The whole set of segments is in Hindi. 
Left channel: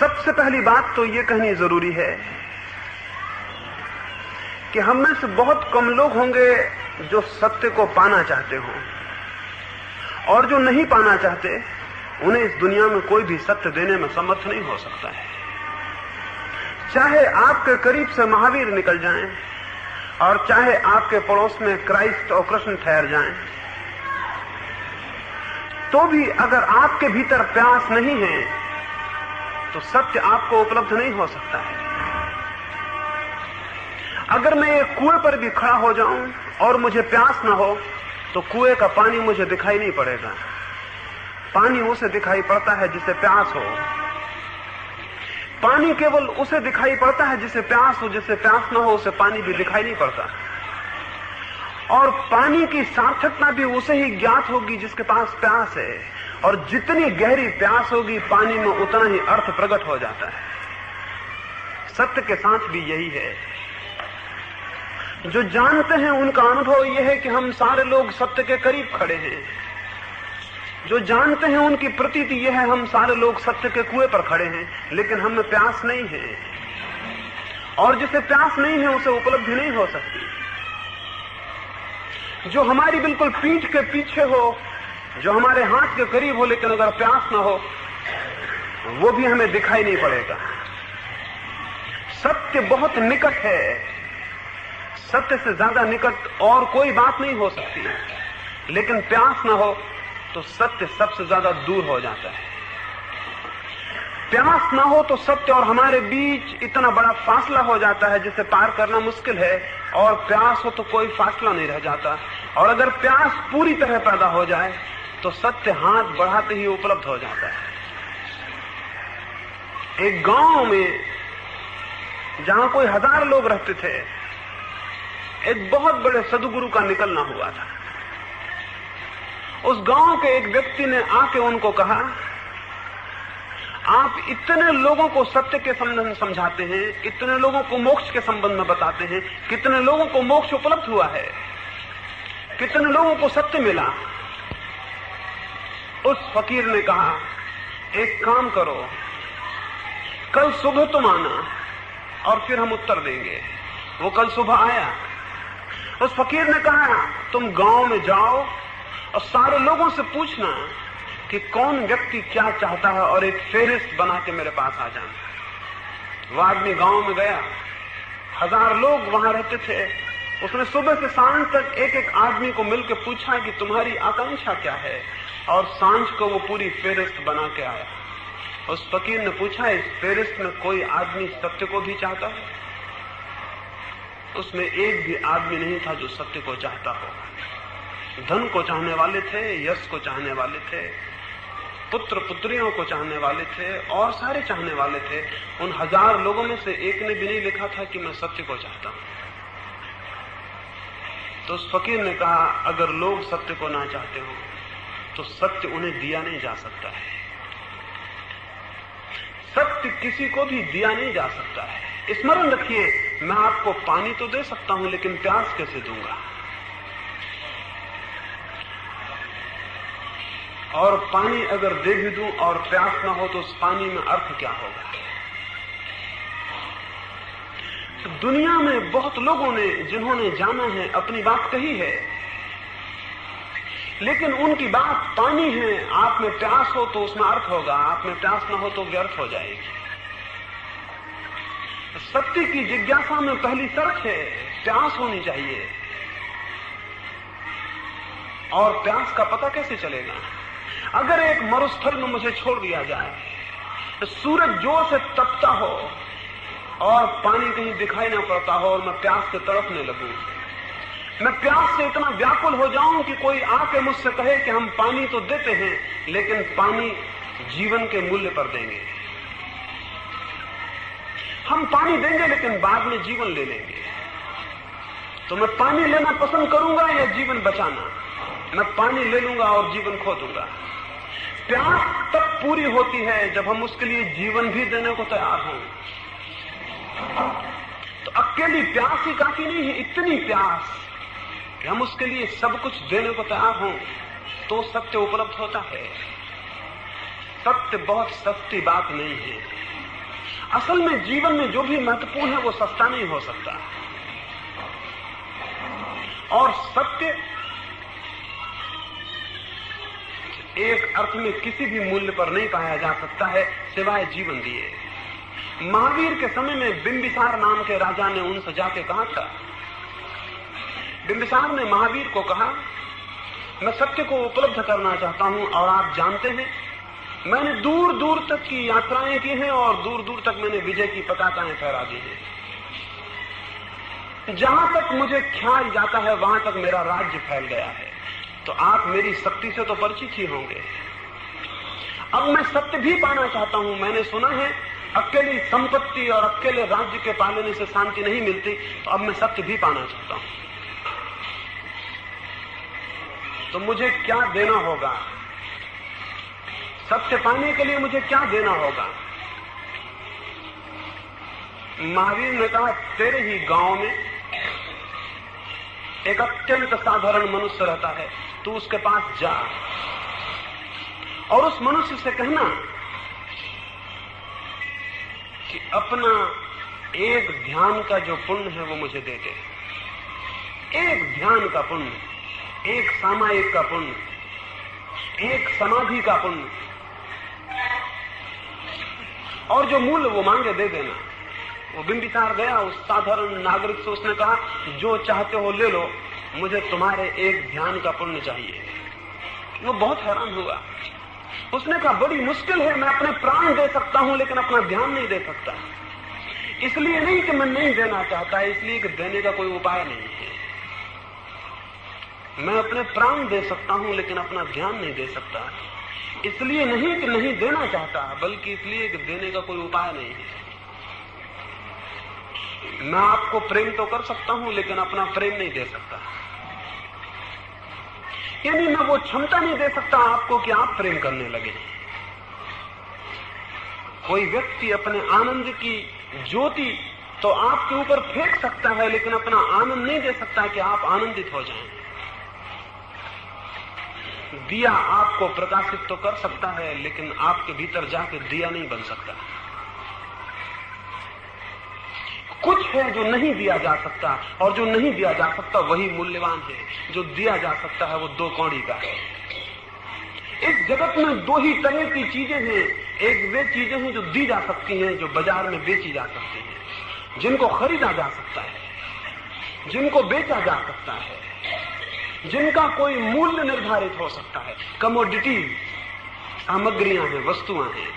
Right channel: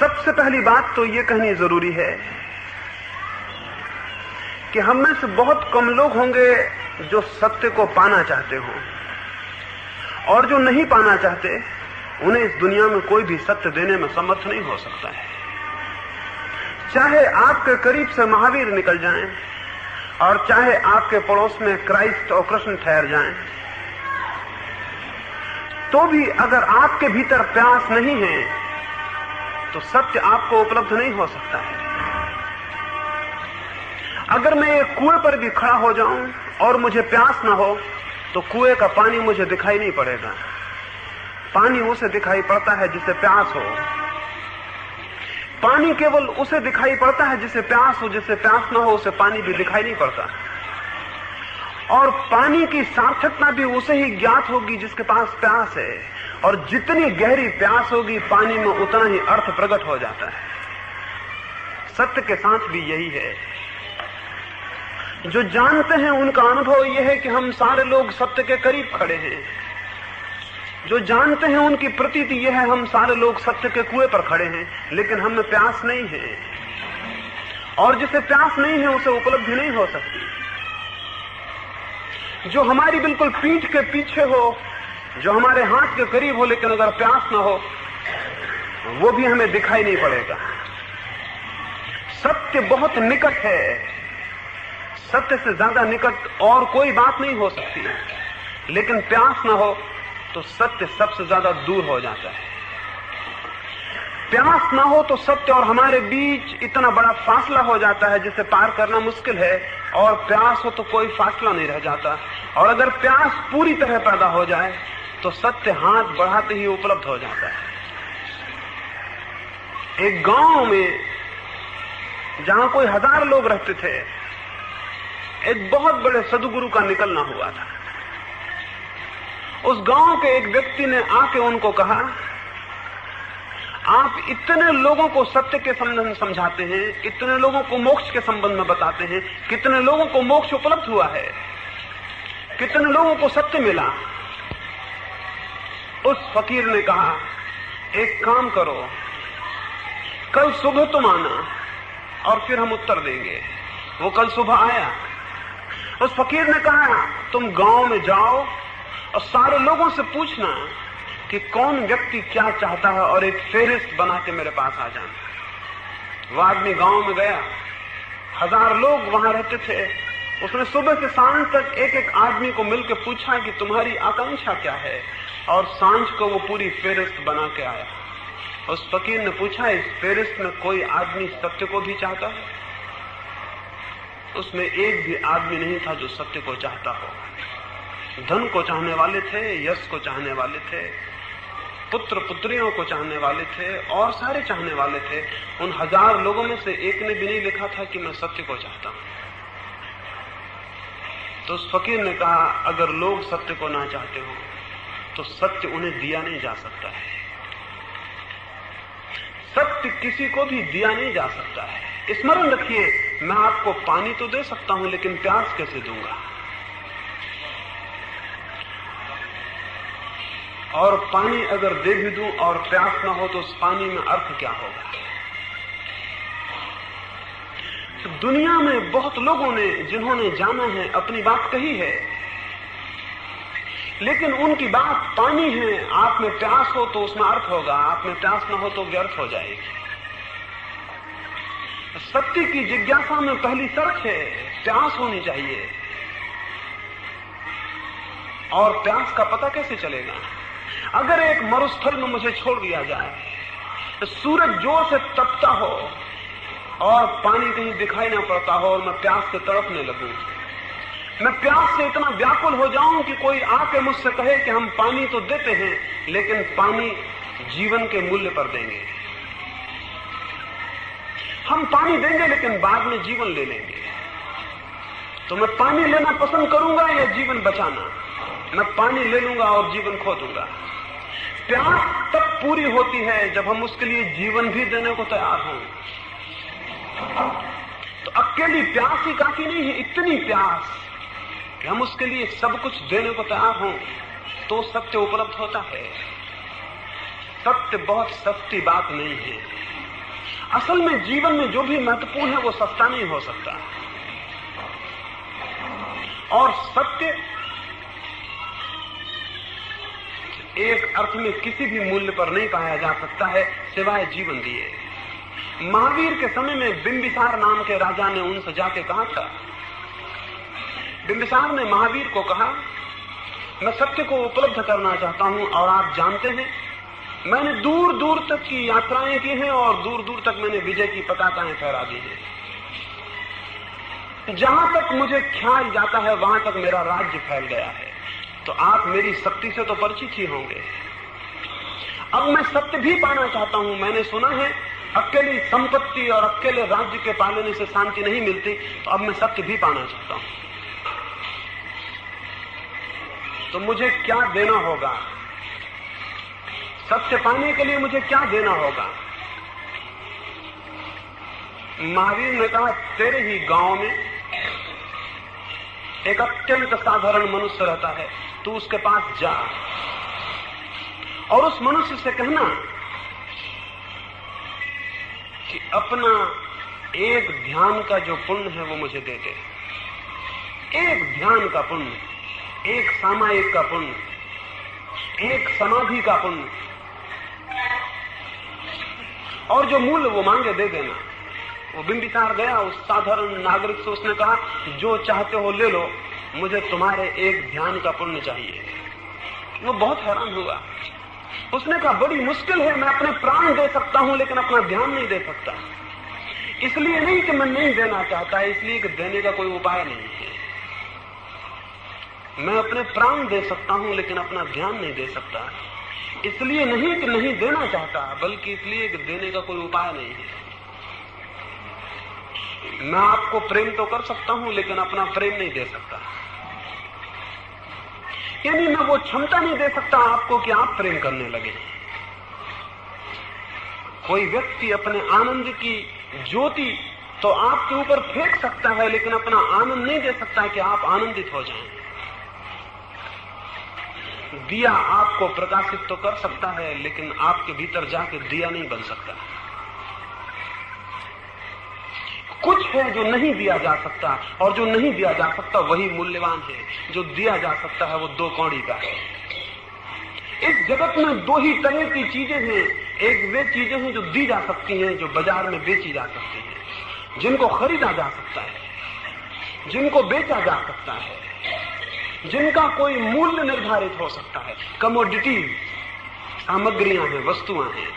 सबसे पहली बात तो ये कहनी जरूरी है कि हम में से बहुत कम लोग होंगे जो सत्य को पाना चाहते हो, और जो नहीं पाना चाहते उन्हें इस दुनिया में कोई भी सत्य देने में समर्थ नहीं हो सकता है। चाहे आपके करीब से महावीर निकल जाएं और चाहे आपके पड़ोस में क्राइस्ट और कृष्ण ठहर जाएं, तो भी अगर आपके भीतर प्यास नहीं है तो सत्य आपको उपलब्ध नहीं हो सकता है। अगर मैं एक कुएं पर भी खड़ा हो जाऊं और मुझे प्यास न हो तो कुएं का पानी मुझे दिखाई नहीं पड़ेगा। पानी उसे दिखाई पड़ता है जिसे प्यास हो। पानी केवल उसे दिखाई पड़ता है जिसे प्यास हो, जिसे प्यास न हो उसे पानी भी दिखाई नहीं पड़ता। और पानी की सार्थकता भी उसे ही ज्ञात होगी जिसके पास प्यास है, और जितनी गहरी प्यास होगी पानी में उतना ही अर्थ प्रकट हो जाता है। सत्य के साथ भी यही है। जो जानते हैं उनका अनुभव यह है कि हम सारे लोग सत्य के करीब खड़े हैं। जो जानते हैं उनकी प्रतीति यह है हम सारे लोग सत्य के कुएं पर खड़े हैं, लेकिन हमें प्यास नहीं है, और जिसे प्यास नहीं है उसे उपलब्धि नहीं हो सकती। जो हमारी बिल्कुल पीठ के पीछे हो, जो हमारे हाथ के करीब हो, लेकिन अगर प्यास ना हो वो भी हमें दिखाई नहीं पड़ेगा। सत्य बहुत निकट है। सत्य से ज्यादा निकट और कोई बात नहीं हो सकती, लेकिन प्यास ना हो तो सत्य सबसे ज्यादा दूर हो जाता है। प्यास ना हो तो सत्य और हमारे बीच इतना बड़ा फासला हो जाता है जिसे पार करना मुश्किल है, और प्यास हो तो कोई फासला नहीं रह जाता। और अगर प्यास पूरी तरह पैदा हो जाए तो सत्य हाथ बढ़ाते ही उपलब्ध हो जाता है। एक गांव में जहां कोई 1000 लोग रहते थे, एक बहुत बड़े सदगुरु का निकलना हुआ था। उस गांव के एक व्यक्ति ने आके उनको कहा, आप इतने लोगों को सत्य के संबंध में समझाते हैं, इतने लोगों को मोक्ष के संबंध में बताते हैं, कितने लोगों को मोक्ष उपलब्ध हुआ है, कितने लोगों को सत्य मिला। उस फकीर ने कहा, एक काम करो, कल सुबह तुम आना और फिर हम उत्तर देंगे। वो कल सुबह आया। उस फकीर ने कहा, तुम गांव में जाओ और सारे लोगों से पूछना कि कौन व्यक्ति क्या चाहता है, और एक फेरिस्त बना के मेरे पास आ जाना। वो आदमी गांव में गया। 1000 लोग वहां रहते थे। उसने सुबह से सांझ तक एक एक आदमी को मिलकर पूछा कि तुम्हारी आकांक्षा क्या है, और सांझ को वो पूरी फेरिस्त बना के आया। उस फकीर ने पूछा, इस फेरिस्त में कोई आदमी सत्य को भी चाहता है? उसमें एक भी आदमी नहीं था जो सत्य को चाहता हो। धन को चाहने वाले थे, यश को चाहने वाले थे, पुत्र पुत्रियों को चाहने वाले थे, और सारे चाहने वाले थे। उन 1000 लोगों में से एक ने भी नहीं लिखा था कि मैं सत्य को चाहता हूं। तो उस फकीर ने कहा, अगर लोग सत्य को ना चाहते हो तो सत्य उन्हें दिया नहीं जा सकता है। सत्य किसी को भी दिया नहीं जा सकता है। स्मरण रखिए, मैं आपको पानी तो दे सकता हूं, लेकिन प्यास कैसे दूंगा? और पानी अगर दे भी दूं और प्यास ना हो तो उस पानी में अर्थ क्या होगा? तो दुनिया में बहुत लोगों ने, जिन्होंने जाना है, अपनी बात कही है, लेकिन उनकी बात पानी है। आप में प्यास हो तो उसमें अर्थ होगा, आप में प्यास ना हो तो व्यर्थ हो जाएगी। सत्य की जिज्ञासा में पहली शर्त है प्यास होनी चाहिए। और प्यास का पता कैसे चलेगा? अगर एक मरुस्थल में मुझे छोड़ दिया जाए, तो सूरज जोर से तपता हो और पानी कहीं दिखाई ना पड़ता हो, और मैं प्यास से तड़पने लगूं, मैं प्यास से इतना व्याकुल हो जाऊं कि कोई आके मुझसे कहे कि हम पानी तो देते हैं, लेकिन पानी जीवन के मूल्य पर देंगे। हम पानी देंगे लेकिन बाद में जीवन ले लेंगे। तो मैं पानी लेना पसंद करूंगा या जीवन बचाना? मैं पानी ले लूंगा और जीवन खो दूंगा। प्यास तब पूरी होती है जब हम उसके लिए जीवन भी देने को तैयार हों। तो अकेली प्यास ही काफी नहीं है, इतनी प्यास कि हम उसके लिए सब कुछ देने को तैयार हों, तो सत्य उपलब्ध होता है। सत्य बहुत सस्ती बात नहीं है। असल में जीवन में जो भी महत्वपूर्ण है वो सस्ता नहीं हो सकता, और सत्य एक अर्थ में किसी भी मूल्य पर नहीं पाया जा सकता है सिवाय जीवन दिए। महावीर के समय में बिंबिसार नाम के राजा ने उनसे जाके कहा था, बिंबिसार ने महावीर को कहा, मैं सत्य को उपलब्ध करना चाहता हूं, और आप जानते हैं मैंने दूर दूर तक की यात्राएं की हैं और दूर दूर तक मैंने विजय की पताकाएं फहरा दी हैं। जहां तक मुझे ख्याल जाता है वहां तक मेरा राज्य फैल गया है, तो आप मेरी शक्ति से तो परिचित ही होंगे। अब मैं सत्य भी पाना चाहता हूं। मैंने सुना है अकेली संपत्ति और अकेले राज्य के पालने से शांति नहीं मिलती, तो अब मैं सत्य भी पाना चाहता हूं। तो मुझे क्या देना होगा? सत्य पाने के लिए मुझे क्या देना होगा? महावीर ने कहा, तेरे ही गांव में एक अत्यंत साधारण मनुष्य रहता है, तू उसके पास जा और उस मनुष्य से कहना कि अपना एक ध्यान का जो पुण्य है वो मुझे दे दे। एक ध्यान का पुण्य, एक सामायिक का पुण्य, एक समाधि का पुण्य, और जो मूल्य वो मांगे दे देना। वो बिंबिसार गया उस साधारण नागरिक से, उसने कहा, जो चाहते हो ले लो, मुझे तुम्हारे एक ध्यान का पुण्य चाहिए। वो बहुत हैरान हुआ। उसने कहा, बड़ी मुश्किल है, मैं अपने प्राण दे सकता हूं लेकिन अपना ध्यान नहीं दे सकता। इसलिए नहीं कि मैं नहीं देना चाहता, इसलिए कि देने का कोई उपाय नहीं है। मैं अपने प्राण दे सकता हूं लेकिन अपना ध्यान नहीं दे सकता। इसलिए नहीं कि नहीं देना चाहता, बल्कि इसलिए कि देने का कोई उपाय नहीं है। मैं आपको प्रेम तो कर सकता हूं लेकिन अपना प्रेम नहीं दे सकता। यानी मैं वो क्षमता नहीं दे सकता आपको कि आप प्रेम करने लगे। कोई व्यक्ति अपने आनंद की ज्योति तो आपके ऊपर फेंक सकता है, लेकिन अपना आनंद नहीं दे सकता कि आप आनंदित हो जाएं। दिया आपको प्रकाशित तो कर सकता है, लेकिन आपके भीतर जाके दिया नहीं बन सकता। कुछ है जो नहीं दिया जा सकता, और जो नहीं दिया जा सकता वही मूल्यवान है। जो दिया जा सकता है वो 2 कौड़ी का है। इस जगत में 2 ही तरह की चीजें हैं। एक वे चीजें हैं जो दी जा सकती हैं, जो बाजार में बेची जा सकती हैं, जिनको खरीदा जा सकता है, जिनको बेचा जा सकता है, जिनका कोई मूल्य निर्धारित हो सकता है। कमोडिटीज, सामग्रियां हैं, वस्तुएं हैं।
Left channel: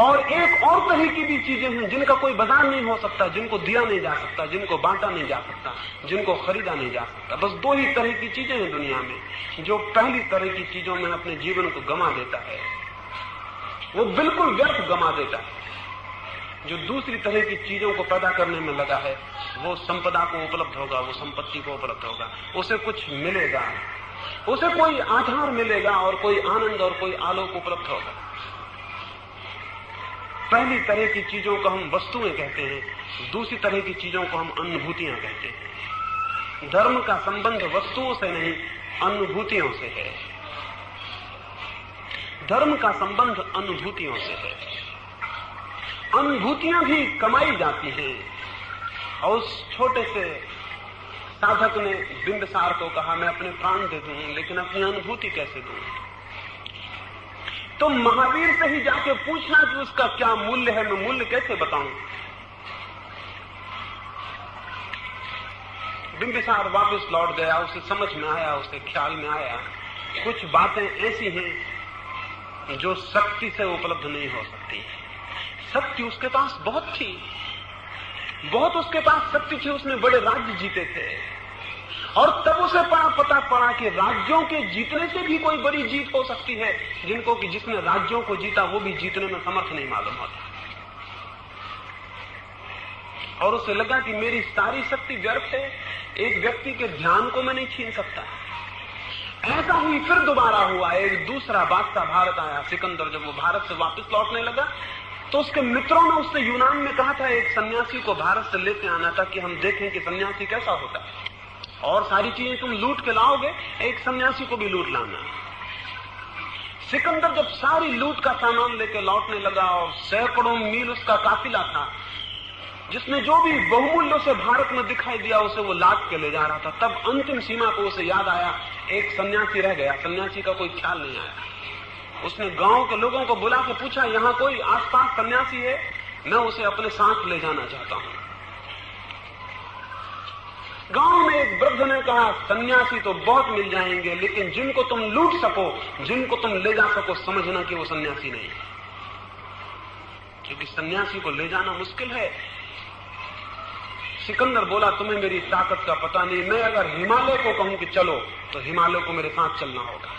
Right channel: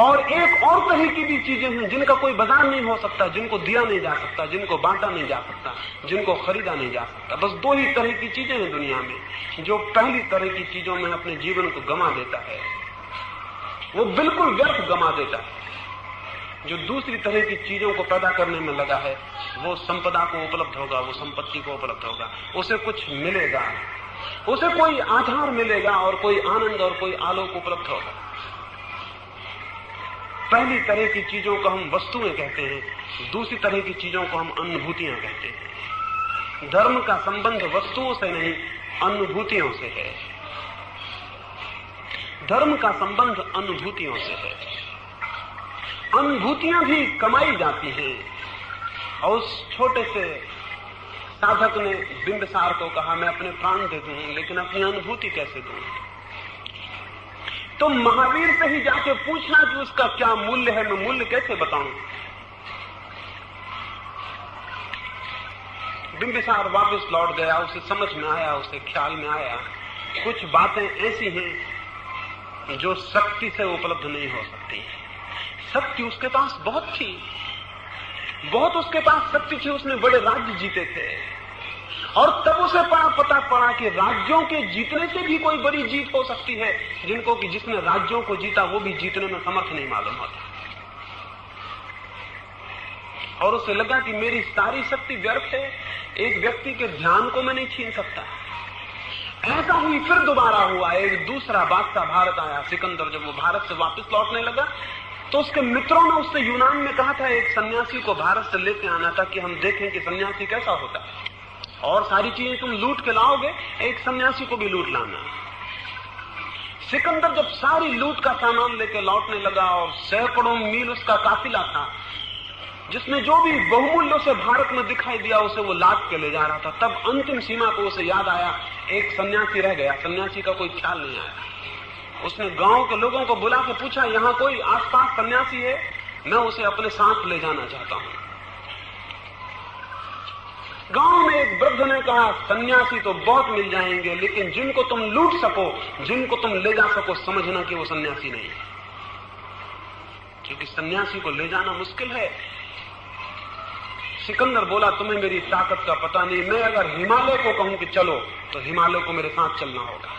और एक और तरह की भी चीजें हैं जिनका कोई बाजार नहीं हो सकता, जिनको दिया नहीं जा सकता, जिनको बांटा नहीं जा सकता, जिनको खरीदा नहीं जा सकता। बस 2 ही तरह की चीजें हैं दुनिया में। जो पहली तरह की चीजों में अपने जीवन को गंवा देता है, वो बिल्कुल व्यर्थ गंवा देता है। जो दूसरी तरह की चीजों को पैदा करने में लगा है, वो संपदा को उपलब्ध होगा, वो संपत्ति को उपलब्ध होगा, उसे कुछ मिलेगा, उसे कोई आधार मिलेगा और कोई आनंद और कोई आलोक उपलब्ध होगा। पहली तरह की चीजों को हम वस्तुएं कहते हैं, दूसरी तरह की चीजों को हम अनुभूतियां कहते हैं। धर्म का संबंध वस्तुओं से नहीं, अनुभूतियों से है। धर्म का संबंध अनुभूतियों से है। अनुभूतियां भी कमाई जाती हैं। और उस छोटे से साधक ने बिंबिसार को कहा, मैं अपने प्राण दे दूं लेकिन अपनी अनुभूति कैसे दूं? तो महावीर से ही जाके पूछना कि उसका क्या मूल्य है, मैं मूल्य कैसे बताऊं? बिंबिसार वापस लौट गया। उसे समझ में आया, उसे ख्याल में आया, कुछ बातें ऐसी हैं जो शक्ति से उपलब्ध नहीं हो सकती। शक्ति उसके पास बहुत थी, बहुत उसके पास शक्ति थी। उसने बड़े राज्य जीते थे, और तब उसे पता पड़ा कि राज्यों के जीतने से भी कोई बड़ी जीत हो सकती है, जिनको कि जिसने राज्यों को जीता वो भी जीतने में समर्थ नहीं मालूम होता। और उसे लगा कि मेरी सारी शक्ति व्यर्थ है, एक व्यक्ति के ध्यान को मैं नहीं छीन सकता। ऐसा ही फिर दोबारा हुआ। एक दूसरा बादशाह भारत आया, सिकंदर। जब वो भारत से वापस लौटने लगा तो उसके मित्रों ने उससे यूनान में कहा था, एक सन्यासी को भारत से लेते आना था कि हम देखें कि सन्यासी कैसा होता है, और सारी चीजें तुम लूट के लाओगे, एक सन्यासी को भी लूट लाना। सिकंदर जब सारी लूट का सामान लेकर लौटने लगा और सैकड़ों मील उसका काफिला था, जिसमें जो भी बहुमूल्य उसे भारत में दिखाई दिया उसे वो लाद के ले जा रहा था, तब अंतिम सीमा को उसे याद आया एक सन्यासी रह गया। सन्यासी का कोई ख्याल नहीं आया। उसने गांव के लोगों को बुला के पूछा, यहां कोई आसपास सन्यासी है? मैं उसे अपने साथ ले जाना चाहता हूं। गांव में एक वृद्ध ने कहा, सन्यासी तो बहुत मिल जाएंगे, लेकिन जिनको तुम लूट सको, जिनको तुम ले जा सको, समझना कि वो सन्यासी नहीं है, क्योंकि सन्यासी को ले जाना मुश्किल है। सिकंदर बोला, तुम्हें मेरी ताकत का पता नहीं। मैं अगर हिमालय को कहूं कि चलो, तो हिमालय को मेरे साथ चलना होगा।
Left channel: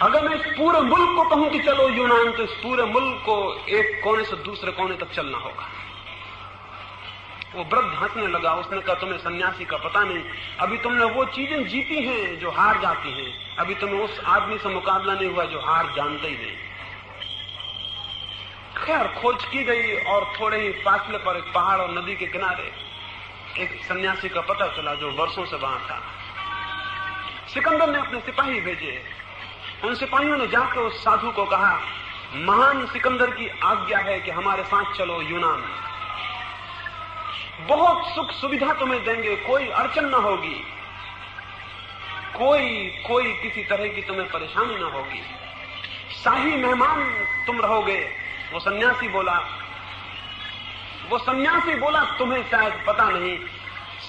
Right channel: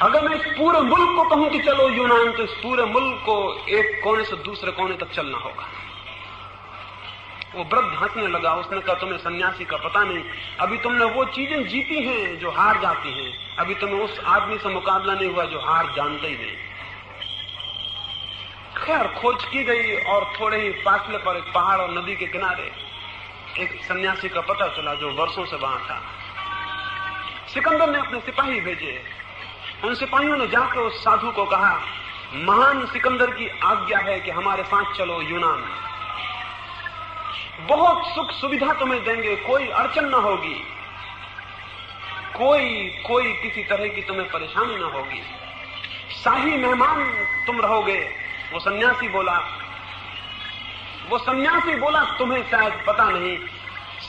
अगर मैं इस पूरे मुल्क को कहूं कि चलो यूनान, तो इस पूरे मुल्क को एक कोने से दूसरे कोने तक चलना होगा। वो वृद्ध हंसने लगा। उसने कहा, तुम्हें सन्यासी का पता नहीं। अभी तुमने वो चीजें जीती हैं जो हार जाती हैं। अभी तुम्हें उस आदमी से मुकाबला नहीं हुआ जो हार जानता ही नहीं। खैर, खोज की गई और थोड़े ही फासले पर एक पहाड़ और नदी के किनारे एक सन्यासी का पता चला जो वर्षों से वहां था। सिकंदर ने अपने सिपाही भेजे। उन सिपाहियों ने जाकर उस साधु को कहा, महान सिकंदर की आज्ञा है कि हमारे साथ चलो यूनान। बहुत सुख सुविधा तुम्हें देंगे, कोई अड़चन न होगी, कोई किसी तरह की तुम्हें परेशानी न होगी, शाही मेहमान तुम रहोगे। वो सन्यासी बोला, तुम्हें शायद पता नहीं,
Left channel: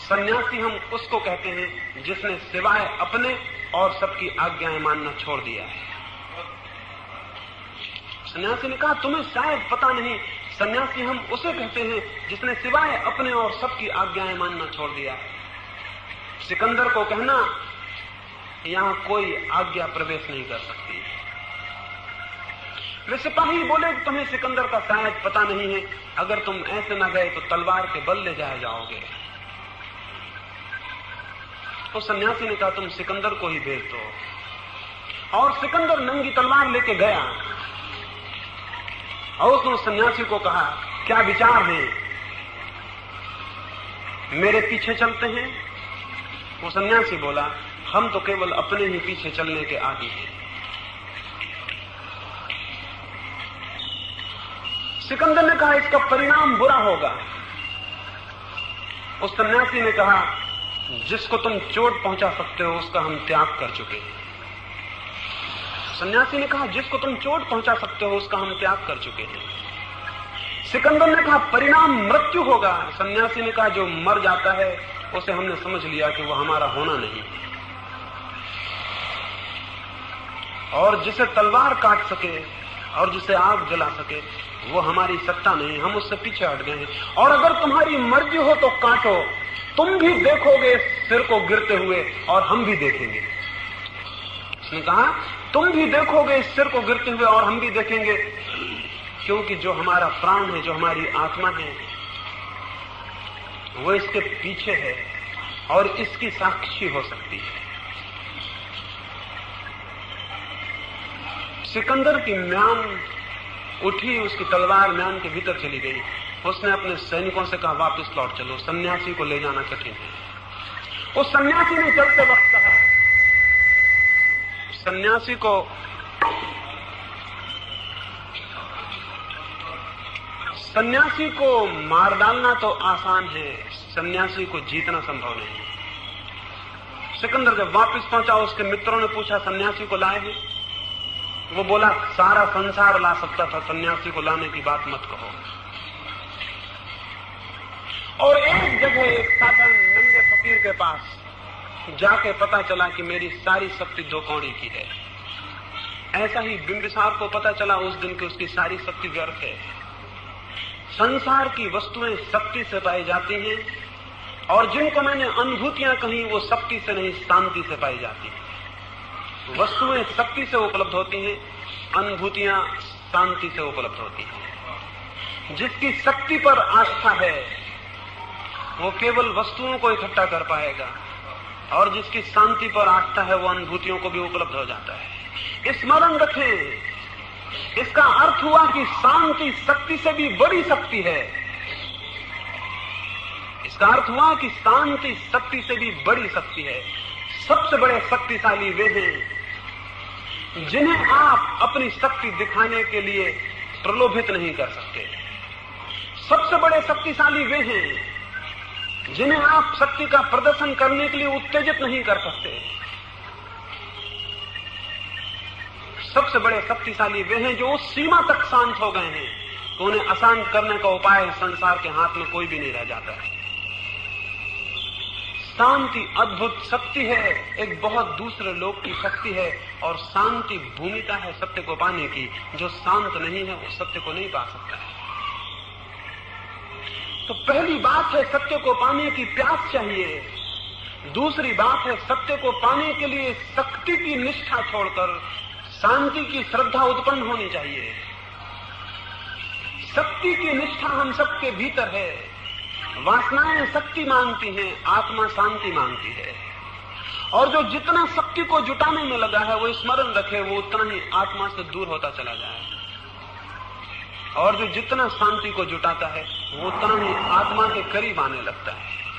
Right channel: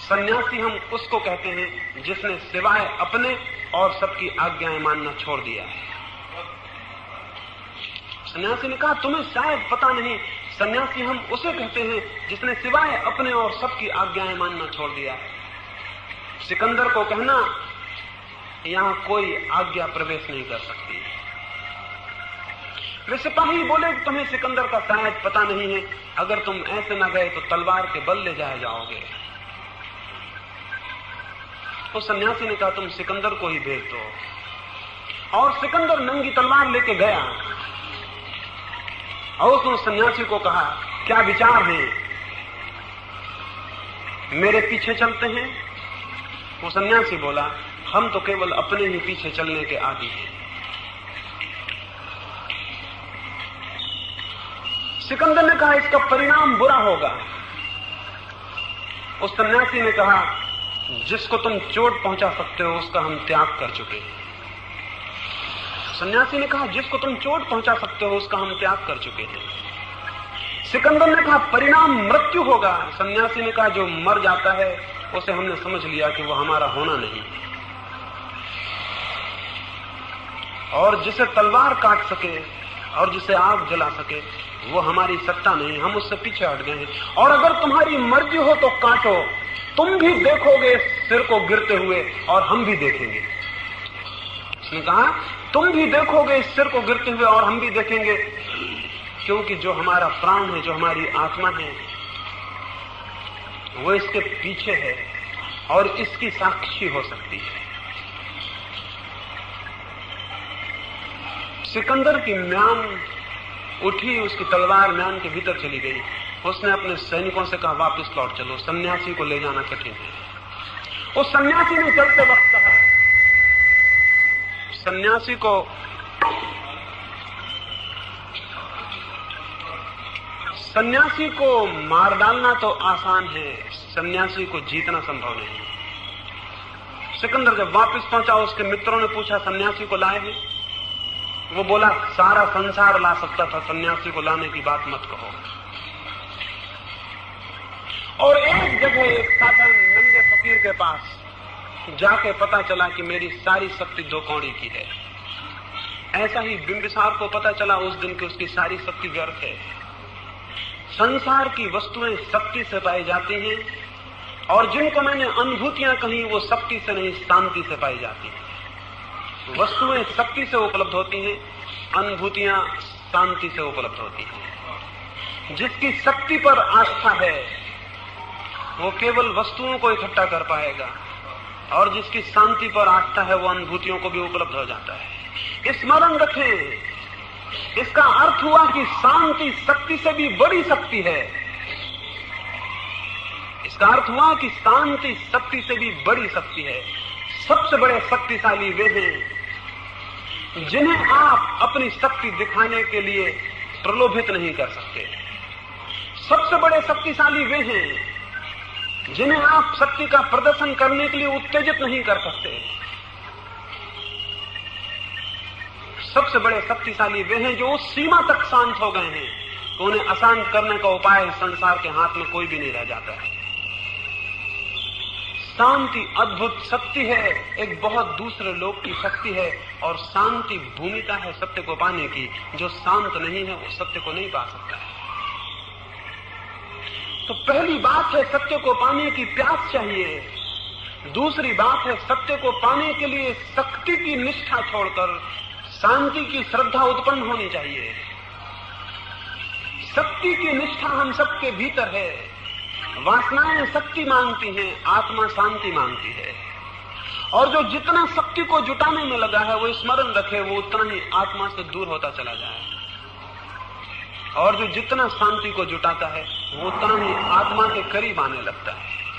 सन्यासी हम उसको कहते हैं जिसने सिवाय अपने और सबकी आज्ञाएं मानना छोड़ दिया है। सन्यासी ने कहा, तुम्हें शायद पता नहीं, सन्यासी हम उसे कहते हैं जिसने सिवाय अपने और सबकी आज्ञाएं मानना छोड़ दिया है। सिकंदर को कहना, यहां कोई आज्ञा प्रवेश नहीं कर सकती। वे सिपाही बोले कि तुम्हें सिकंदर का शायद पता नहीं है, अगर तुम ऐसे न गए तो तलवार के बल ले जाए जाओगे। तो सन्यासी ने कहा, तुम सिकंदर को ही भेज दो। और सिकंदर नंगी तलवार लेके गया और उसने सन्यासी को कहा, क्या विचार है, मेरे पीछे चलते हैं? वो सन्यासी बोला, हम तो केवल अपने ही पीछे चलने के आदी हैं। सिकंदर ने कहा, इसका परिणाम बुरा होगा। उस सन्यासी ने कहा, जिसको तुम चोट पहुंचा सकते हो उसका हम त्याग कर चुके हैं। सन्यासी ने कहा, जिसको तुम चोट पहुंचा सकते हो उसका हम त्याग कर चुके हैं। सिकंदर ने कहा, परिणाम मृत्यु होगा। सन्यासी ने कहा, जो मर जाता है उसे हमने समझ लिया कि वो हमारा होना नहीं, और जिसे तलवार काट सके और जिसे आग जला सके वो हमारी सत्ता नहीं, हम उससे पीछे हट गए हैं। और अगर तुम्हारी मर्जी हो तो काटो, तुम भी देखोगे सिर को गिरते हुए और हम भी देखेंगे। उसने कहा, तुम भी देखोगे इस सिर को गिरते हुए और हम भी देखेंगे, क्योंकि जो हमारा प्राण है, जो हमारी आत्मा है, वो इसके पीछे है और इसकी साक्षी हो सकती है। सिकंदर की म्यान उठी, उसकी तलवार म्यान के भीतर चली गई। उसने अपने सैनिकों से कहा, वापस लौट चलो, सन्यासी को ले जाना कठिन है। उस सन्यासी ने चलते वक्त कहा, सन्यासी को मार डालना तो आसान है, सन्यासी को जीतना संभव नहीं। सिकंदर जब वापस पहुंचा, उसके मित्रों ने पूछा, सन्यासी को लाए हैं? वो बोला, सारा संसार ला सकता था, सन्यासी को लाने की बात मत कहो। और एक जगह एक साधन नंगे फकीर के पास जाके पता चला कि मेरी सारी शक्ति 2 कौड़ी की है। ऐसा ही बिंबिसार को पता चला उस दिन कि उसकी सारी शक्ति व्यर्थ है। संसार की वस्तुएं शक्ति से पाई जाती हैं, और जिनको मैंने अनुभूतियां कही वो शक्ति से नहीं, शांति से पाई जाती हैं। वस्तुएं शक्ति से उपलब्ध होती हैं, अनुभूतियां शांति से उपलब्ध होती हैं। जिसकी शक्ति पर आस्था है वो केवल वस्तुओं को इकट्ठा कर पाएगा, और जिसकी शांति पर आस्था है वो अनुभूतियों को भी उपलब्ध हो जाता है। स्मरण रखें, इसका अर्थ हुआ कि शांति शक्ति से भी बड़ी शक्ति है। इसका अर्थ हुआ कि शांति शक्ति से भी बड़ी शक्ति है। सबसे बड़े शक्तिशाली वे हैं जिन्हें आप अपनी शक्ति दिखाने के लिए प्रलोभित नहीं कर सकते। सबसे बड़े शक्तिशाली वे हैं जिन्हें आप शक्ति का प्रदर्शन करने के लिए उत्तेजित नहीं कर सकते। सबसे बड़े शक्तिशाली वे हैं जो उस सीमा तक शांत हो गए हैं तो उन्हें अशांत करने का उपाय संसार के हाथ में कोई भी नहीं रह जाता है। शांति अद्भुत शक्ति है, एक बहुत दूसरे लोक की शक्ति है, और शांति भूमिका है सत्य को पाने की। जो शांत नहीं है वो सत्य को नहीं पा सकता है। तो पहली बात है सत्य को पाने की प्यास चाहिए। दूसरी बात है सत्य को पाने के लिए शक्ति की निष्ठा छोड़कर शांति की श्रद्धा उत्पन्न होनी चाहिए। शक्ति की निष्ठा हम सबके भीतर है। वासनाएं शक्ति मांगती हैं, आत्मा शांति मांगती है। और जो जितना शक्ति को जुटाने में लगा है वो स्मरण रखे, वो उतना ही आत्मा से दूर होता चला जाए। और जो जितना शांति को जुटाता है वो उतना ही आत्मा के करीब आने लगता है।